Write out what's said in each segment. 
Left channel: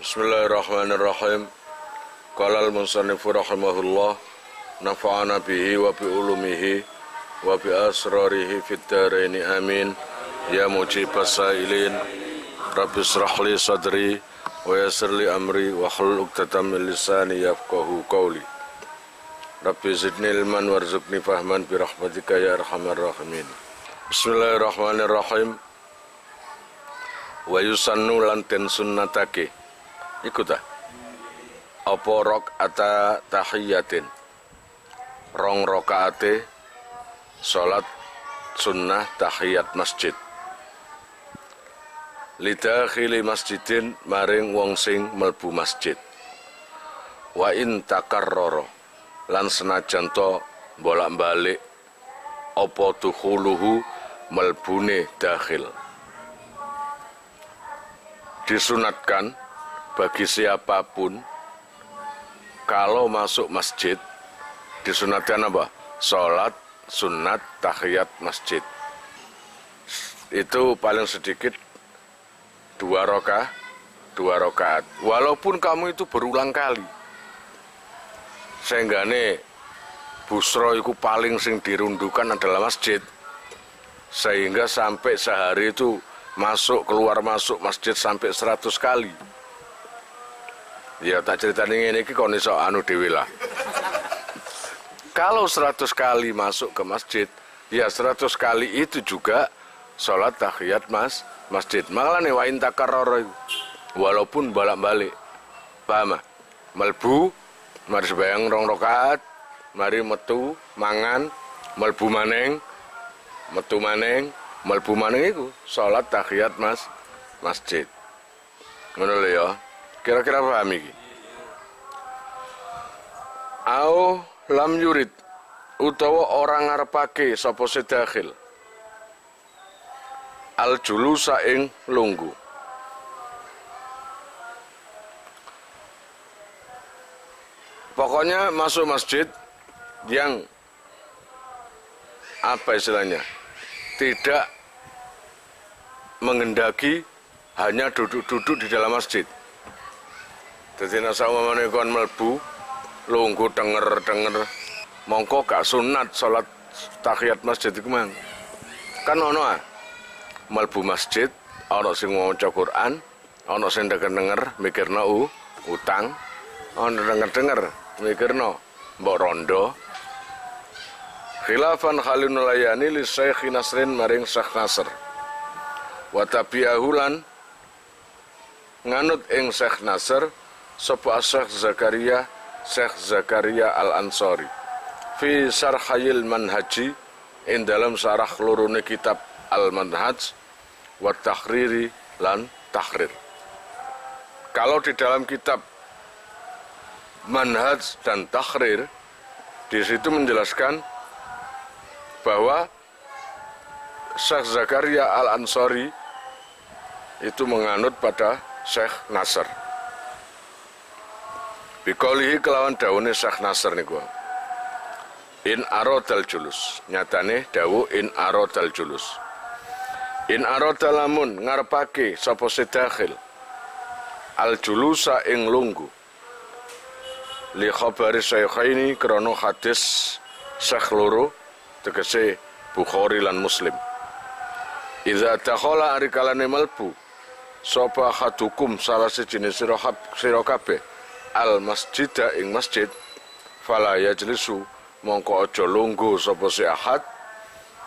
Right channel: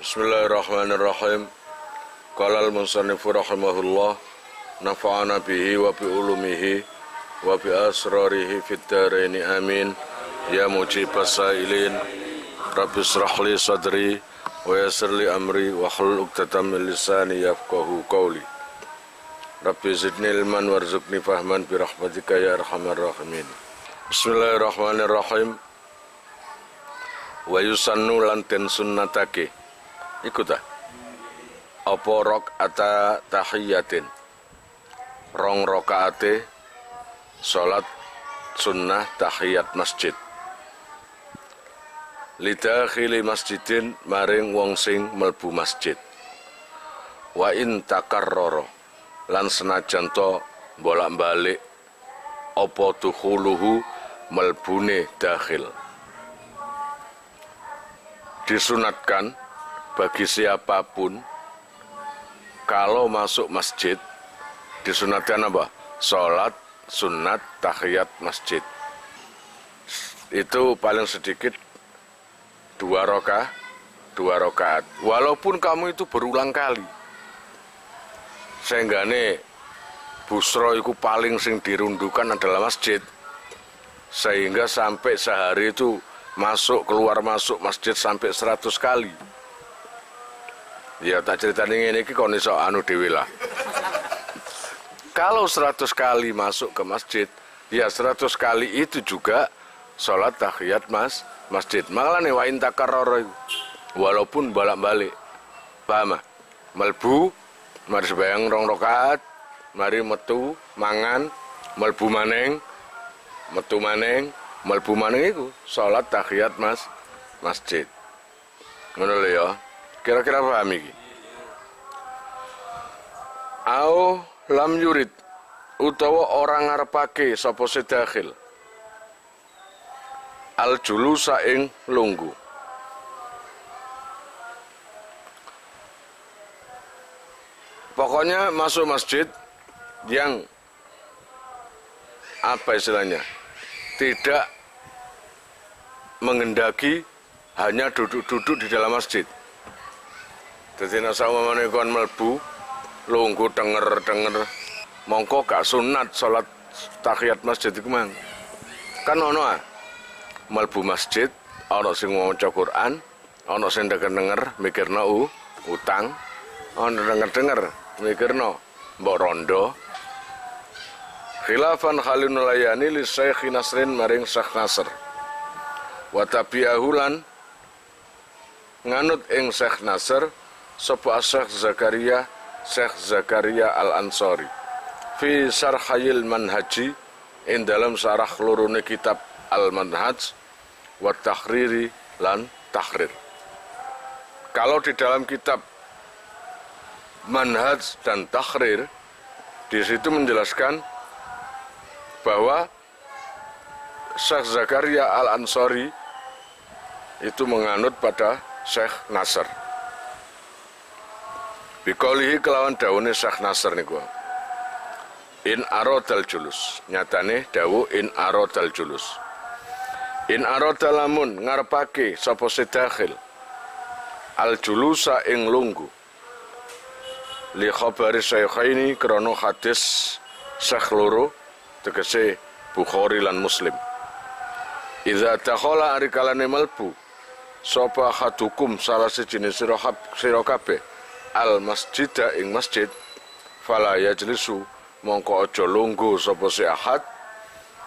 Bismillahirrahmanirrahim. Qala al-musannifu rahimahullah, nafa'ana bihi wa bi ulumihi wa bi asrarihi fid dharaini amin. Ya mujibas sailin, rabbi israh li sadri wa yassir li amri wa hlul 'uqdatam min lisani yafqahu qawli. Rabbi zidni ilman warzuqni fahman bi rahmatika ya arhamar rahimin. Bismillahirrahmanirrahim. Wa yusannu lan den sunnatake iku ta apa rakaata tahiyatin, rong rakaate salat sunnah tahiyat masjid, lidakhili masjidin maring wong sing mlebu masjid, wa in takarrara lan senajan to bolak-balik apa dukhuluhu melbune dakhil. Disunatkan bagi siapapun kalau masuk masjid, disunatkan apa? Sholat sunat tahiyat masjid. Itu paling sedikit 2 rakaat. Walaupun kamu itu berulang kali. Sehinggane busro itu paling sing dirundukan adalah masjid. Sehingga sampai sehari itu masuk masjid sampai 100 kali. Ya tak ceritanya ini kon iso anu dhewe lah. Kalau 100 kali masuk ke masjid, ya 100 kali itu juga sholat tahiyat masjid. Makanya wa in takarrara walaupun bolak-balik. Paham? Melbu mari sembahyang 2 rakaat, mari metu mangan, melbu maneng, metu maneng, melbu maneng iku sholat tahiyat masjid. Ngono lho ya. Kira-kira paham iki? Au lam yurid utawa orang ngarepake sapa sedakhil al julusa ing lunggu. Pokoknya masuk masjid yang apa istilahnya? Tidak mengendaki hanya duduk-duduk di dalam masjid. Jadi nasa umamane kon melbu lunggu denger mongko gak sunat salat tahiyat masjid iku mang. Kan ono melbu masjid ono sing maca Quran, ono sing denger mikirna utang, ono denger mikirna mbok rondo. Khilafan Khalil Layani li Syekh Nasrin maring Syekh Nasr. Wa tabi'ahulan nganut ing Syekh Nasr sapa Syekh Zakaria Al-Ansari fi Syarhil Manhaji ing dalam syarah lorone kitab Al-Manhaj wa Takhriri lan Tahrir. Kalau di dalam kitab Manhaj dan Tahrir di situ menjelaskan bahwa Syekh Zakaria Al-Ansari itu menganut pada Syekh Nasr. Bikolihi kelawan dawune Syekh Nasr niku. In aradal julus. Nyatane dawu in aradal julus. In aradal lamun ngarepake sapa sedakhil al julusa ing lunggu. Li khabari syaikhaini krana hadis Syekh loro tegese Bukhari lan Muslim. Idza dakhala ari kalane melbu sapa hadukum salah siji sira kabeh al masjida ing masjid fala yajlisu mongko aja lungguh sapa si ahad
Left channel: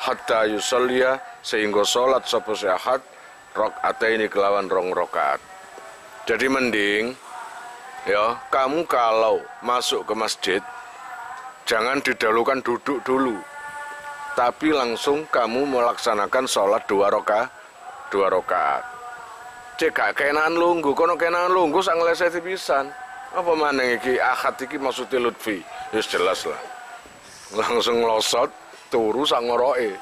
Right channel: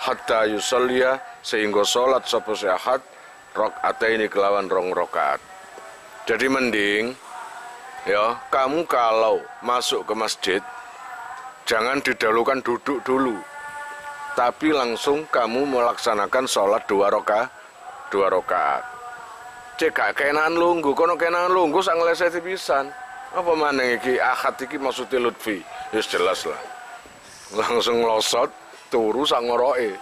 hatta yusalliya sehingga salat sapa si ahad rakaataini kelawan 2 rakaat. Jadi mending ya kamu kalau masuk ke masjid jangan didahulukan duduk dulu, tapi langsung kamu melaksanakan salat 2 rakaat. Cek gak kenaan lungguh, kono kenaan lungguh sak ngleseti pisan. Apa maneh iki ahad iki maksudnya Lutfi? Wis jelas lah. Langsung nglosot turu sak ngoroke.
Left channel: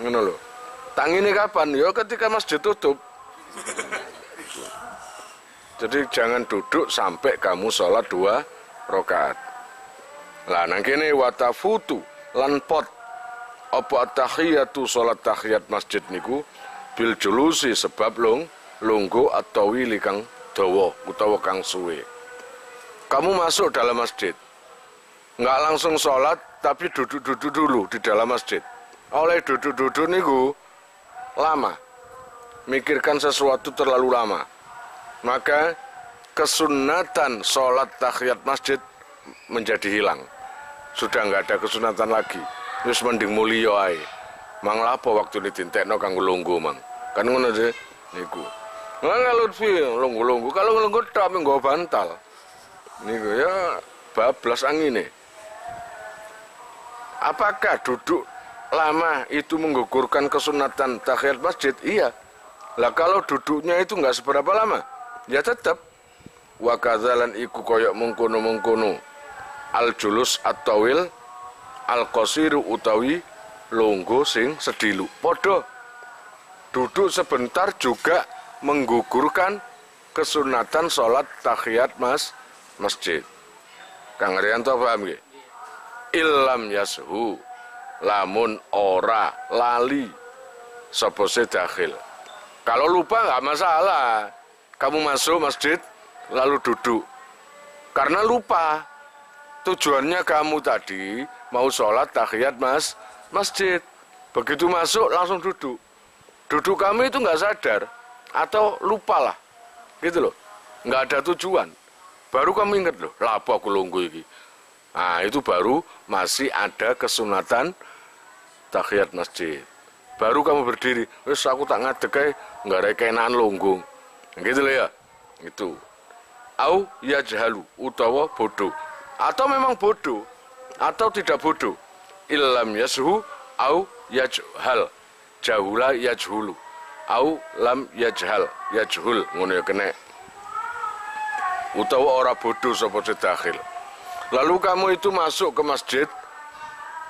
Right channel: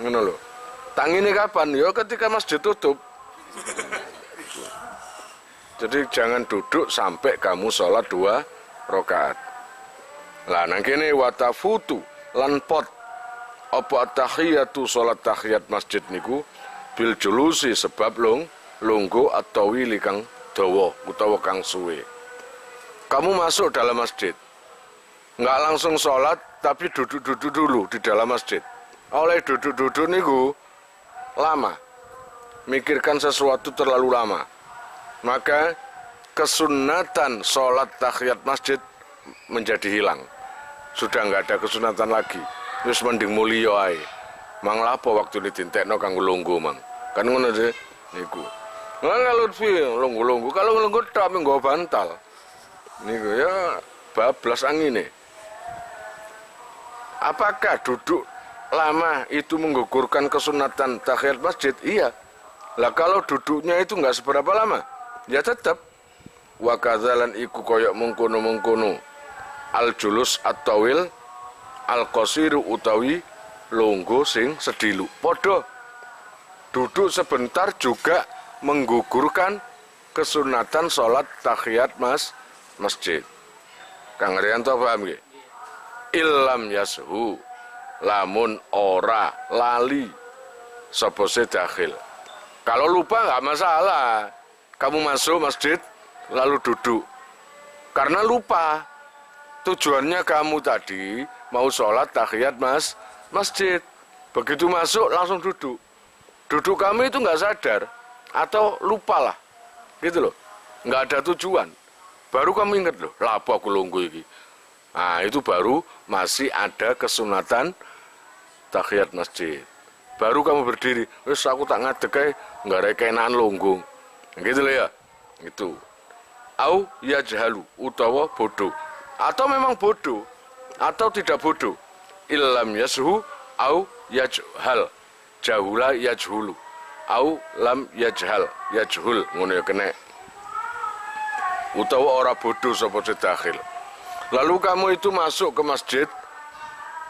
Ngono lho. Tangine kapan? Ya ketika masjid tutup. Jadi jangan duduk sampai kamu sholat 2 rakaat. Lah nang kene watafutu lan pot apa tahiyatu sholat tahiyat masjid niku bil julusi sebab lunggu atau wili kang dawa utawa kang suwe. Kamu masuk dalam masjid, nggak langsung sholat, tapi duduk-duduk dulu di dalam masjid. Oleh duduk-duduk niku lama, mikirkan sesuatu terlalu lama, maka kesunatan sholat tahiyat masjid menjadi hilang. Sudah nggak ada kesunatan lagi. Wis mending mulya ae. Mang lapo waktu ditintekno kanggo lungguh mang. Kan ngono sih niku. Lah Lutfi lungguh-lungguh, kalau lungguh tok nggo bantal. Niku ya bablas angine. Apakah duduk lama itu menggugurkan kesunatan tahiyat masjid? Iya. Lah kalau duduknya itu nggak seberapa lama, ya tetap. Wa kadzalan iku koyok mengkono-mengkono. Al julus at-tawil al qasiru utawi lungguh sing sedilu. Padha duduk sebentar juga menggugurkan kesunatan sholat tahiyat masjid. Kang Rianto paham nggih? Illam yashu lamun ora lali sapa dakhil. Kalau lupa nggak masalah. Kamu masuk masjid lalu duduk. Karena lupa. Tujuannya kamu tadi mau sholat tahiyat masjid. Begitu masuk langsung duduk. Duduk kamu itu nggak sadar atau lupa lah, gitu loh. Nggak ada tujuan. Baru kamu ingat loh, lapo aku lungguh iki. Nah itu baru masih ada kesunatan tahiyat masjid. Baru kamu berdiri, wis aku tak ngadeg ae, nggak ada kenaan lungguh. Gitu loh ya. Itu. Au yajhalu utawa bodoh. Atau memang bodoh atau tidak bodoh. Illam yashu au yajhal. Jahula yajhulu. Au lam yajhal. Yajhul ngono ya kena. Utawa ora bodoh sapa dakhil. Lalu kamu itu masuk ke masjid,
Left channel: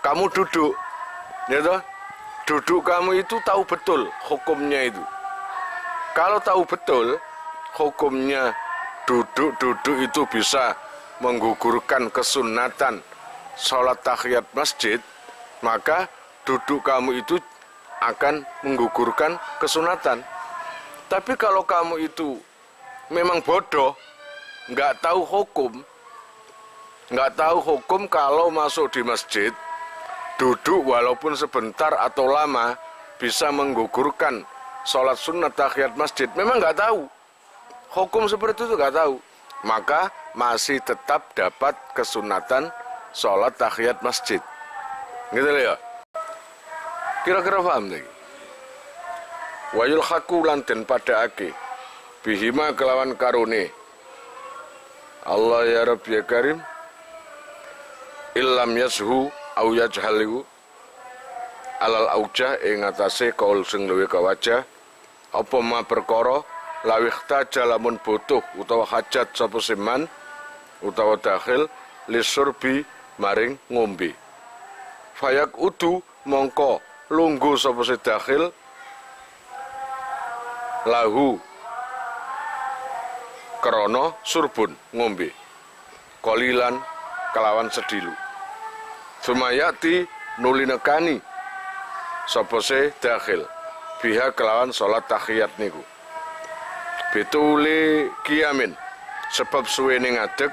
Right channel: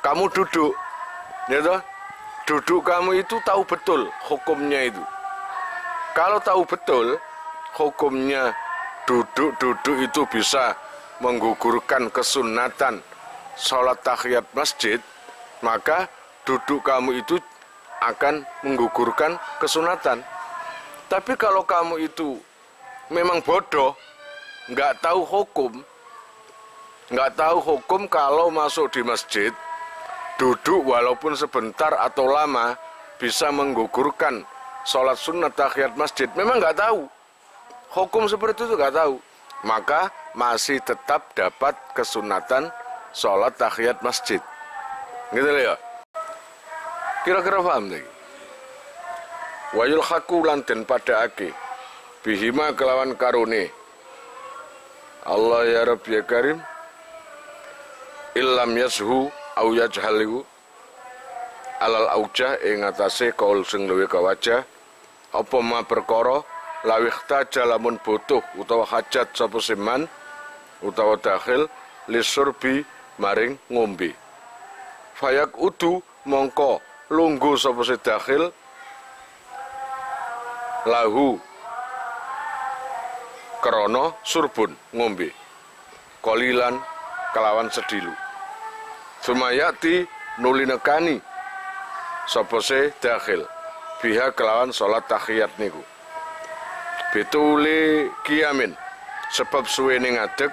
kamu duduk. Ya toh? Duduk kamu itu tahu betul hukumnya itu. Kalau tahu betul hukumnya duduk-duduk itu bisa menggugurkan kesunatan sholat tahiyat masjid, maka duduk kamu itu akan menggugurkan kesunatan. Tapi kalau kamu itu memang bodoh, nggak tahu hukum kalau masuk di masjid, duduk walaupun sebentar atau lama bisa menggugurkan sholat sunnah tahiyat masjid, memang nggak tahu. Hukum seperti itu nggak tahu. Maka masih tetap dapat kesunatan sholat tahiyat masjid. Gitu ya. Kira-kira paham lagi. Wayul haku lanten pada ake bihima kelawan karune Allah ya Rabb ya Karim illam yashu au yajhalihu alal aujah ing atase kaul sing luwih kawaja apa ma perkara lawih taja lamun butuh utawa hajat sapa siman utawa dakhil lisurbi maring ngombe fayak udu mongko lungguh sapa dakhil lahu krono surbun ngombe kolilan kelawan sedilu sumayati nulinekani sapa dakhil biha kelawan salat tahiyat niku betule kiamin sebab suwene ngadeg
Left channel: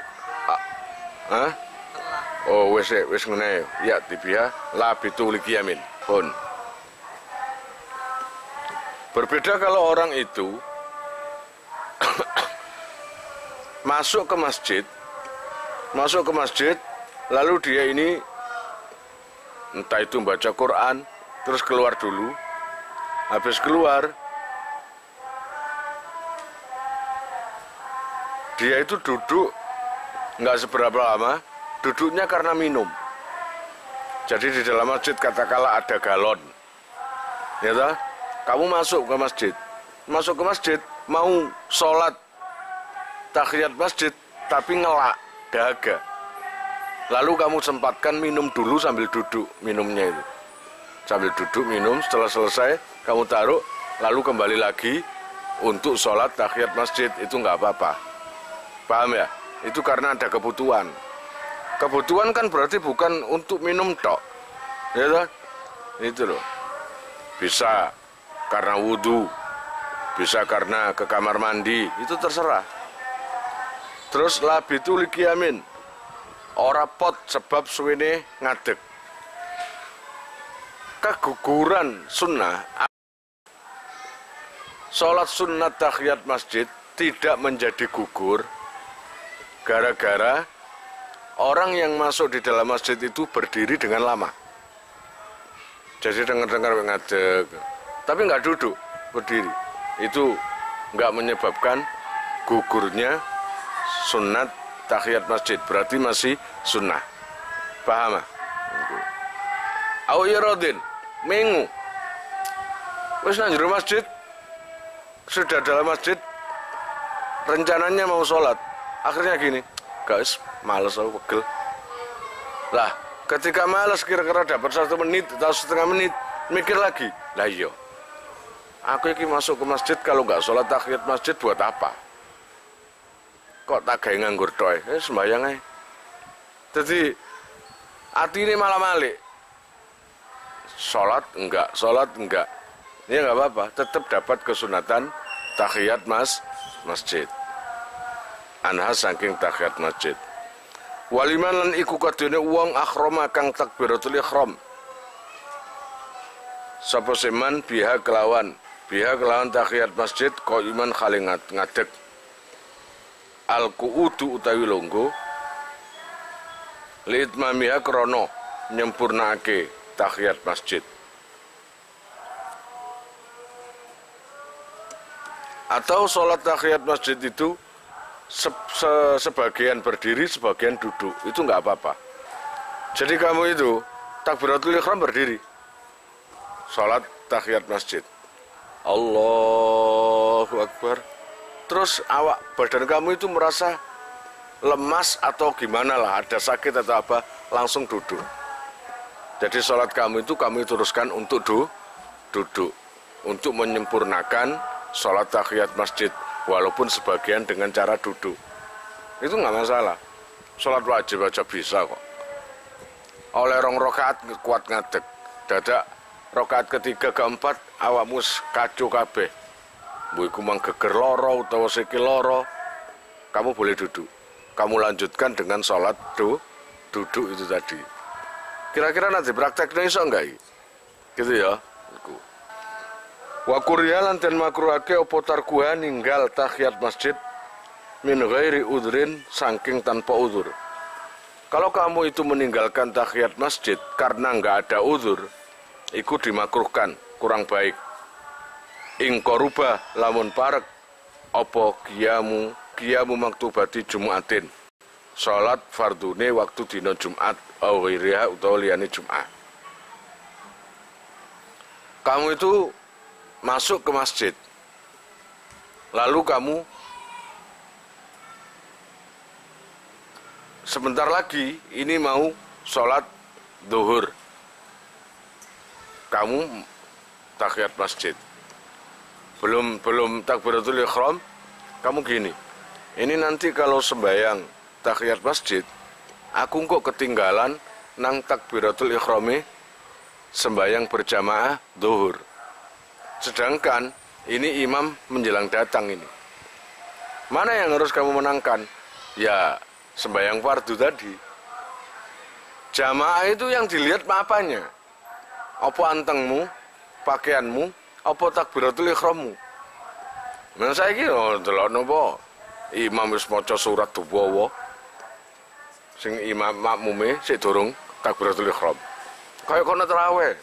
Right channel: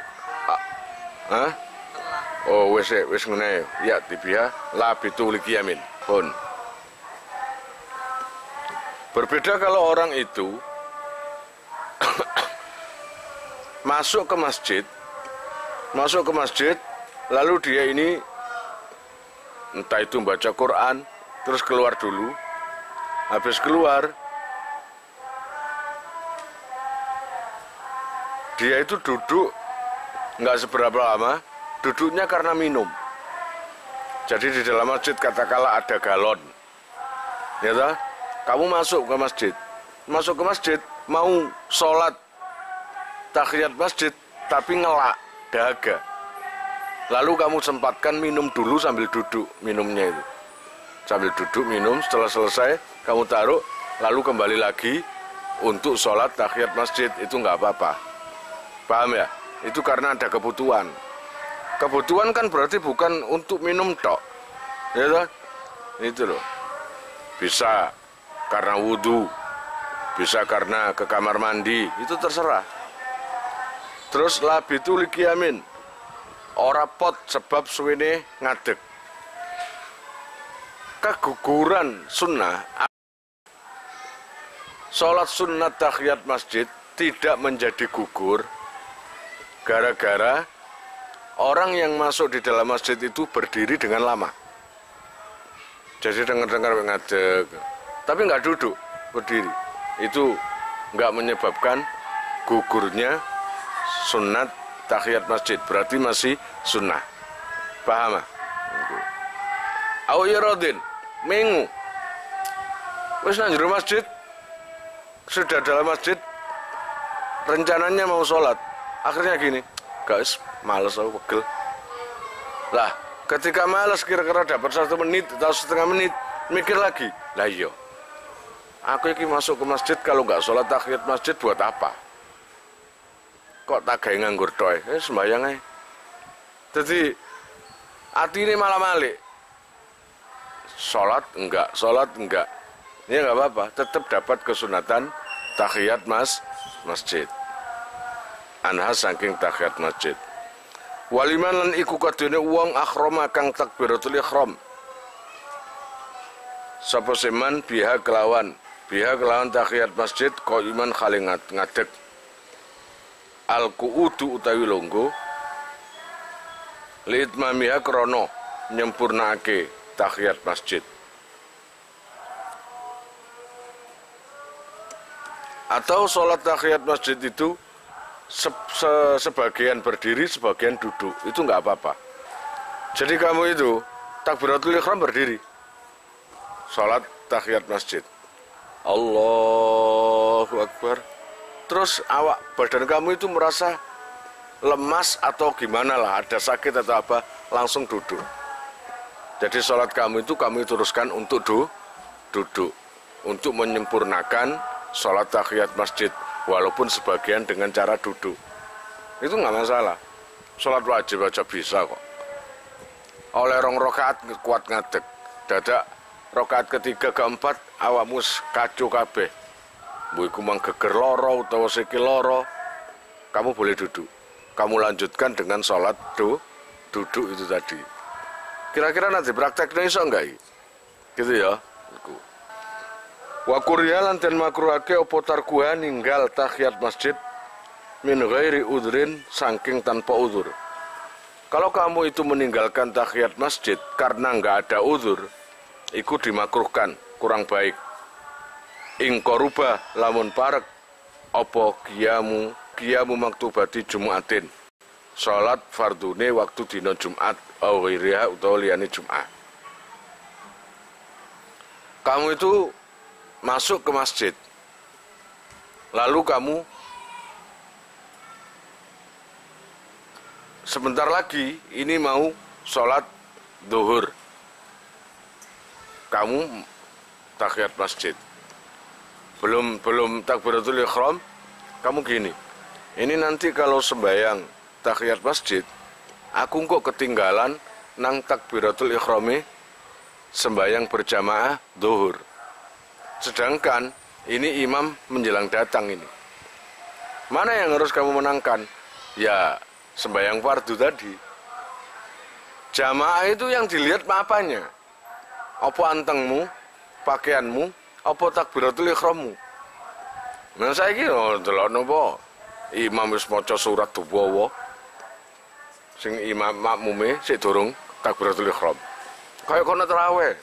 oh wis ngene ya tibia la betule kiamin pun berbeda kalau orang itu masuk ke masjid lalu dia ini entah itu baca Quran terus keluar dulu, habis keluar dia itu duduk nggak seberapa lama, duduknya karena minum. Jadi di dalam masjid katakanlah ada galon, ya toh? Kamu masuk ke masjid mau sholat tahiyat masjid tapi ngelak dahaga. Lalu kamu sempatkan minum dulu sambil duduk minumnya itu. Sambil duduk minum, setelah selesai kamu taruh, lalu kembali lagi untuk sholat tahiyat masjid, itu nggak apa-apa. Paham ya? Itu karena ada kebutuhan. Kebutuhan kan berarti bukan untuk minum tok. Ya toh? Itu loh. Bisa karena wudhu, bisa karena ke kamar mandi, itu terserah. Terus labitu liqiyamin, ora pot sebab suwene ngadeg. Keguguran sunnah, sholat sunat tahiyat masjid tidak menjadi gugur gara-gara orang yang masuk di dalam masjid itu berdiri dengan lama. Jadi dengar-dengar ngadeg, tapi nggak duduk, berdiri. Itu nggak menyebabkan gugurnya sunat tahiyat masjid, berarti masih sunnah. Paham? Au iradin, mengu. Wis nang jero masjid, sudah dalam masjid, rencananya mau sholat, akhirnya gini, guys, males aku, pegel. Lah, ketika males kira-kira dapat 1 menit atau setengah menit, mikir lagi, lah iya, aku ini masuk ke masjid kalau nggak sholat tahiyat masjid buat apa? Kok tak gawe nganggur toy? Sembayang aja. Jadi hati ini malah malik. Sholat enggak. Ini enggak apa-apa, tetap dapat kesunatan tahiyat masjid. Anha saking tahiyat masjid. Waliman lan iku kadene wong akhrama kang takbiratul ihram. Sapa seman biha kelawan tahiyat masjid ko iman khali ngadeg. Al-qu'udu utawi longgo litmamiha krono nyempurnake tahiyat masjid. Atau sholat tahiyat masjid itu sebagian berdiri, sebagian duduk, itu nggak apa-apa. Jadi kamu itu takbiratul ihram berdiri, sholat tahiyat masjid, Allahu Akbar. Terus badan kamu itu merasa lemas atau gimana lah, ada sakit atau apa, langsung duduk. Jadi sholat kamu itu kami teruskan untuk duduk, untuk menyempurnakan sholat tahiyat masjid, walaupun sebagian dengan cara duduk. Itu nggak masalah, sholat wajib aja bisa kok. Oleh 2 rakaat kuat ngadeg, dadak rakaat ketiga keempat awakmu kacu kabeh. Buiku mang geger loro utawa sikil loro, kamu boleh duduk. Kamu lanjutkan dengan sholat duduk itu tadi. Kira-kira nanti prakteknya iso enggak? Gitu ya. Wa kuriya lan den makruhake apa tarkuha ninggal tahiyat masjid min ghairi udhrin saking tanpa udzur. Kalau kamu itu meninggalkan tahiyat masjid karena enggak ada udzur, iku dimakruhkan, kurang baik. Ing koruba lamun parek apa kiamu maktubati Jumatin, salat fardune waktu dina Jumat au ghairiha utawa liyane Jumat. Kamu itu masuk ke masjid, lalu kamu sebentar lagi ini mau sholat zuhur, kamu tahiyat masjid, belum takbiratul ihram, kamu gini, ini nanti kalau sembahyang tahiyat masjid, aku kok ketinggalan nang takbiratul ihrami sembahyang berjamaah zuhur. Sedangkan ini imam menjelang datang ini. Mana yang harus kamu menangkan? Ya, sembahyang fardu tadi. Jamaah itu yang dilihat apanya? Apa antengmu, pakaianmu, apa takbiratul ihrammu? Nah saiki delok napa? Imam wis maca surat tuwa. Sing imam makmume sik durung takbiratul ihram. Kaya kono tarawih.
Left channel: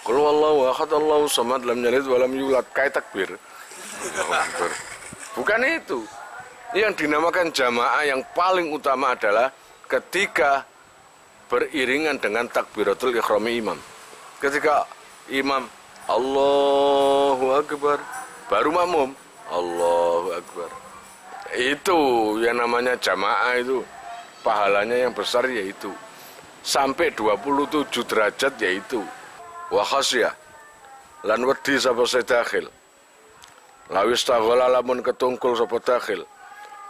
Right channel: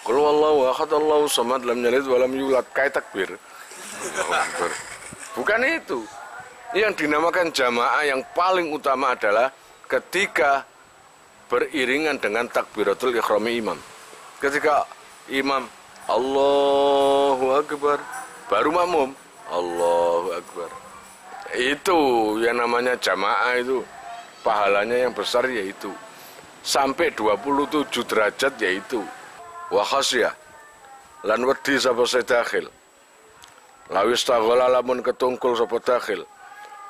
Qul huwallahu ahad Allahu samad lam yalid wa lam yulad, kayak takbir. Bukan itu. Yang dinamakan jamaah yang paling utama adalah ketika beriringan dengan takbiratul ihram imam. Ketika imam Allahu Akbar, baru makmum Allahu Akbar. Itu yang namanya jamaah itu. Pahalanya yang besar yaitu sampai 27 derajat yaitu. Wa khasyah lan wedi sapa sedakhil lawis taghala lamun ketungkul sapa dakhil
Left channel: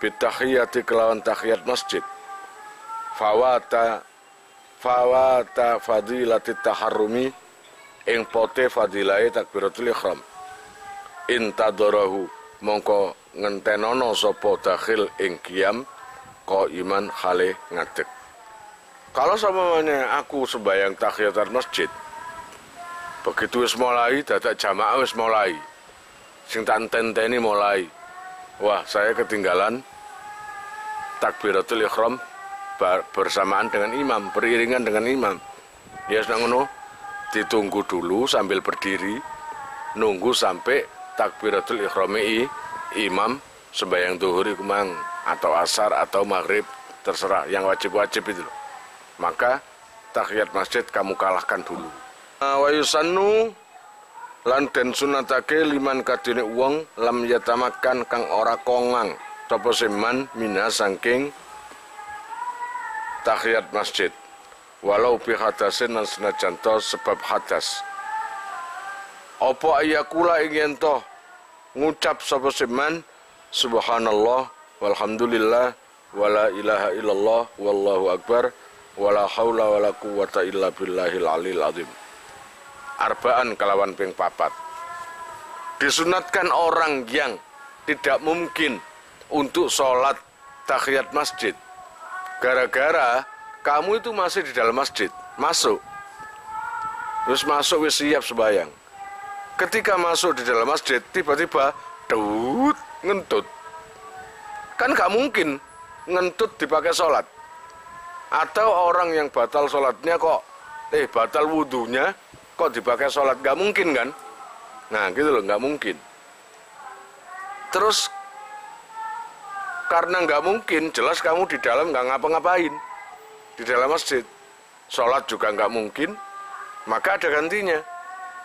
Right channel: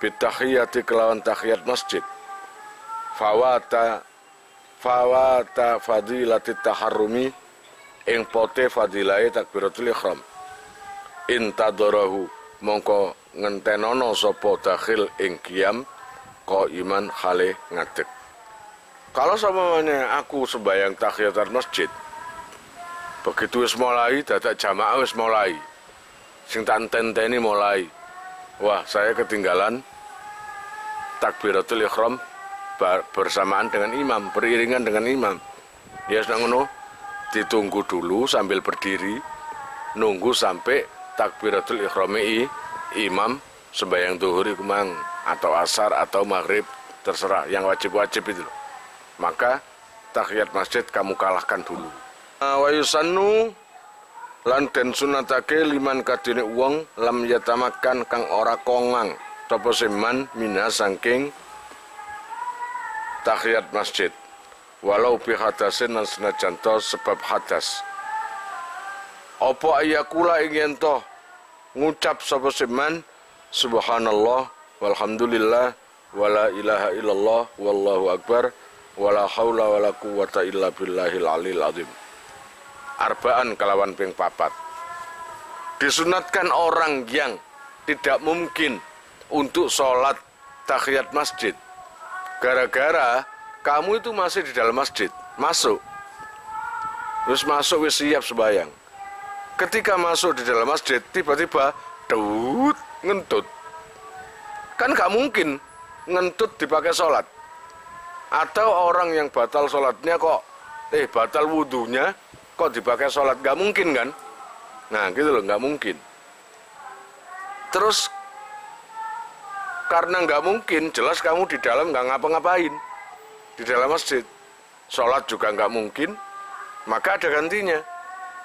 bitahiyati kelawan tahiyat masjid fawata fadilati taharrumi ing pote fadilahe takbiratul ihram intadarahu mongko ngentenono sapa dakhil ing qiyam iman khale ngadeg. Kalau sampeyan aku sembahyang tahiyatul masjid, begitu wis mulai dadak jamaah wis mulai, sing tak enteni mulai, wah saya ketinggalan takbiratul ihram bersamaan dengan imam, beriringan dengan imam. Ya ngono, ditunggu dulu sambil berdiri, nunggu sampai takbiratul ihram imam sembahyang zuhur iku mang, atau asar atau maghrib, terserah, yang wajib-wajib itu loh. Maka tahiyat masjid kamu kalahkan dulu. Wa yusannu lan den sunatake liman kadene wong lam yatamakan kang ora kongang sapa seman mina saking tahiyat masjid walau bi hadasin lan senajan to sebab hadas. Apa ayakula ing to ngucap sapa seman subhanallah walhamdulillah wala ilaha illallah wallahu akbar wala haula wala quwata illa billahil alil azim. Arbaan kelawan ping papat. Disunatkan orang yang tidak mungkin untuk sholat tahiyat masjid. Gara-gara kamu itu masih di dalam masjid, masuk. Terus masuk wis siap sembahyang. Ketika masuk di dalam masjid, tiba-tiba ngentut. Kan gak mungkin ngentut dipakai sholat. Atau orang yang batal sholatnya kok, batal wudhunya kok dipakai sholat, gak mungkin kan? Nah gitu loh, gak mungkin. Terus karena gak mungkin, jelas kamu di dalam gak ngapa-ngapain. Di dalam masjid, sholat juga gak mungkin, maka ada gantinya.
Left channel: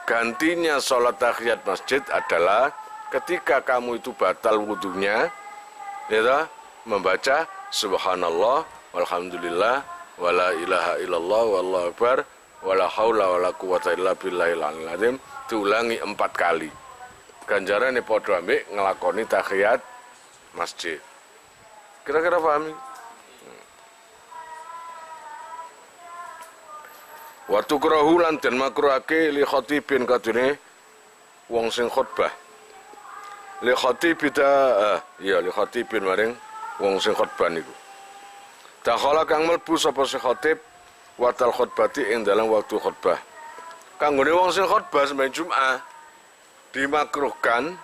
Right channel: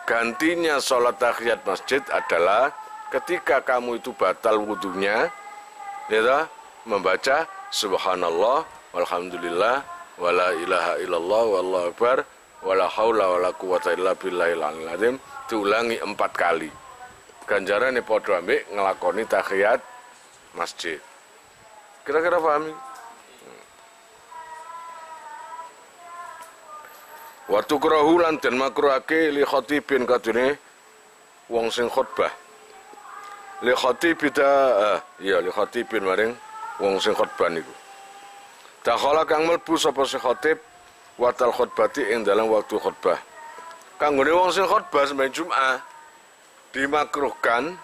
Gantinya sholat tahiyat masjid adalah ketika kamu itu batal wudhunya, ya, membaca subhanallah walhamdulillah wala ilaha illallah wallahu akbar wala haula wala quwata illa billahil aliyil azim, diulangi 4 kali. Ganjarane padha ambek nglakoni tahiyat masjid. Kira-kira paham? Wa tukrahu lan den makruhake li khatibin kadune wong sing khutbah. Li khatibita li khatibin maring wong sing khutbah niku. Dakhala kang mlebu sapa si khatib watal khutbati ing dalam waktu khutbah. Kanggone wong sing khutbah sembahyang Jumat dimakruhkan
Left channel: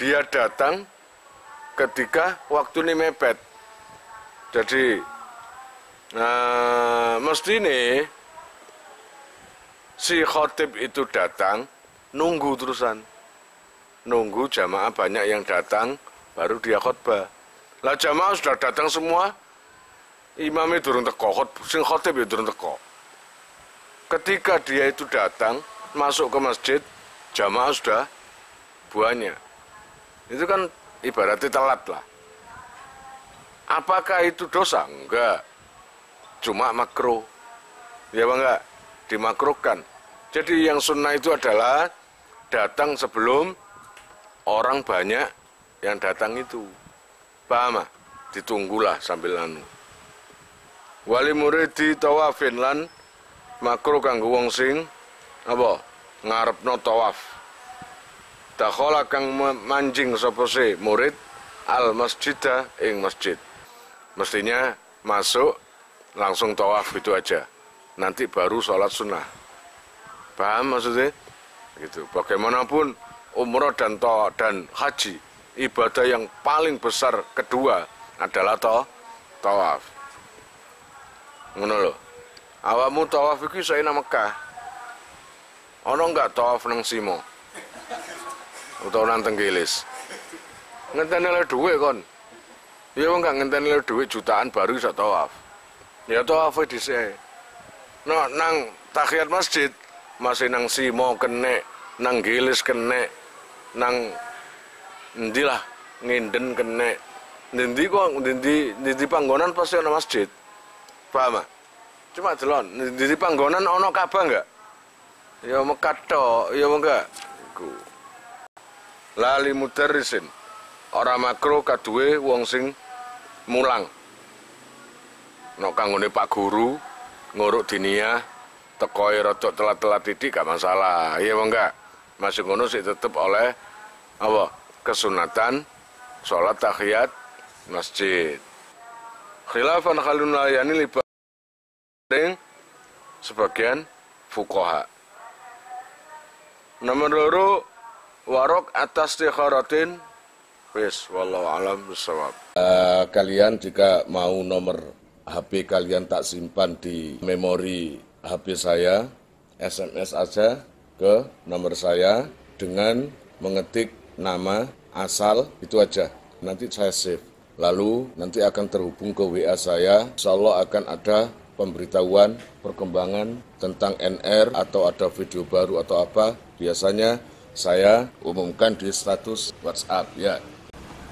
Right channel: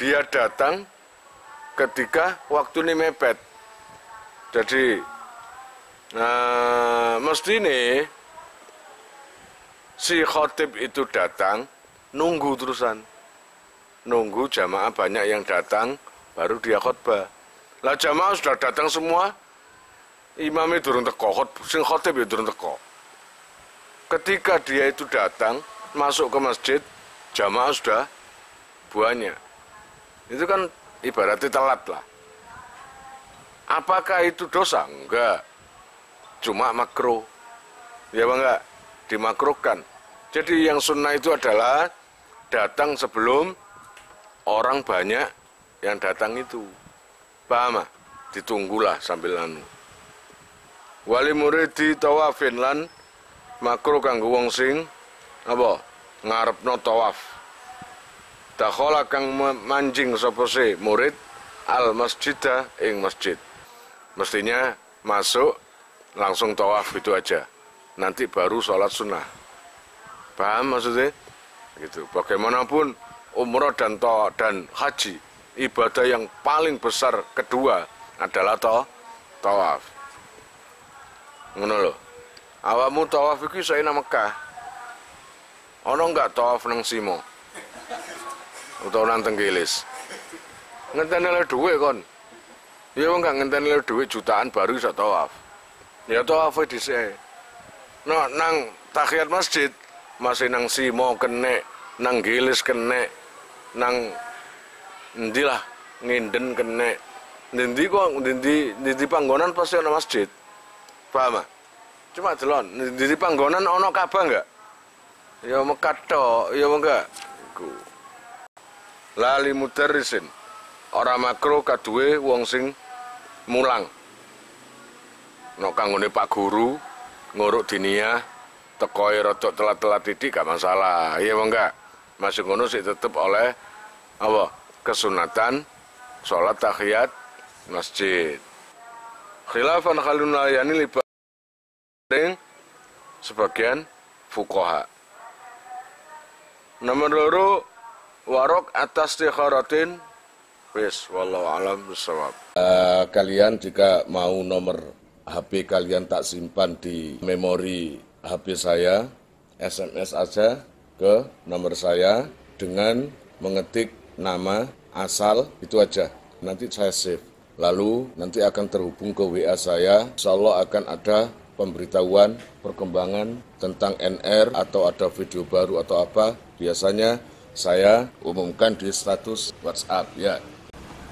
dia datang ketika waktu ini mepet. Jadi mesti nih si khatib itu datang nunggu terusan. Nunggu jamaah banyak yang datang baru dia khutbah. Lah jamaah sudah datang semua, imamnya durung teko, sing khatib ya durung teko. Ketika dia itu datang, masuk ke masjid, jamaah sudah banyak. Itu kan ibaratnya telat lah. Apakah itu dosa? Enggak. Cuma makruh. Ya bang, enggak? Dimakruhkan. Jadi yang sunnah itu adalah datang sebelum orang banyak yang datang itu. Paham? Ditunggulah sambil anu. Wali muridi tawafin lan makruh kanggo wong sing apa ngarepno tawaf. Dakhala kang manjing sapa se murid al masjidah ing masjid. Mestinya masuk langsung tawaf itu aja. Nanti baru sholat sunnah. Paham maksudnya? Gitu. Bagaimanapun umroh dan haji, ibadah yang paling besar kedua adalah tawaf. Ngono lho. Awakmu tawaf iki iso nang Mekah. Ana enggak tawaf nang Simo? Utawa nang Tenggilis. Ngenteni le dhuwit kon. Ya wong gak ngenteni le dhuwit jutaan baru iso tawaf. Ya tawaf dhisik. Nang tahiyat masjid masih nang Simo kene, nang Gilis kene, nang ndilah nginden kene. Ndi kok ndi panggonan pasti ana masjid. Paham? Cuma delon, ndi panggonan ana Ka'bah enggak? Ya Mekah tok, ya enggak. Iku. Lali mudarrisin. Ora makruh kaduwe wong sing mulang. Nek kanggone Pak Guru nguruk diniyah tekoe rada telat-telat titik gak masalah. Iya apa enggak? Masih ngono sih tetep oleh apa? kesunatan sholat tahiyat masjid. Khilafan khalun layani libaring sebagian fuqaha. Nomor 2 warok atas tikharatin wis wallahu alam bisawab. Kalian jika mau nomor HP kalian tak simpan di memori HP saya, SMS aja ke nomor saya dengan mengetik nama asal itu aja. Nanti saya save. Lalu nanti akan terhubung ke WA saya. Insyaallah akan ada pemberitahuan perkembangan tentang NR atau ada video baru atau apa. Biasanya saya umumkan di status WhatsApp ya.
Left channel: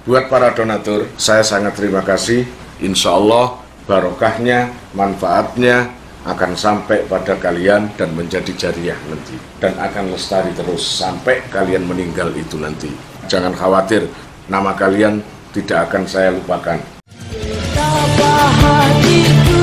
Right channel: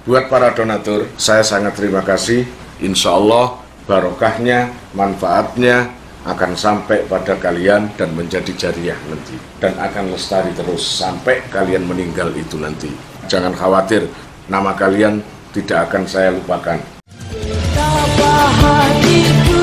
Buat para donatur, saya sangat terima kasih. Insya Allah barokahnya, manfaatnya akan sampai pada kalian dan menjadi jariah nanti. Dan akan lestari terus sampai kalian meninggal itu nanti. Jangan khawatir, nama kalian tidak akan saya lupakan. Betapa hatiku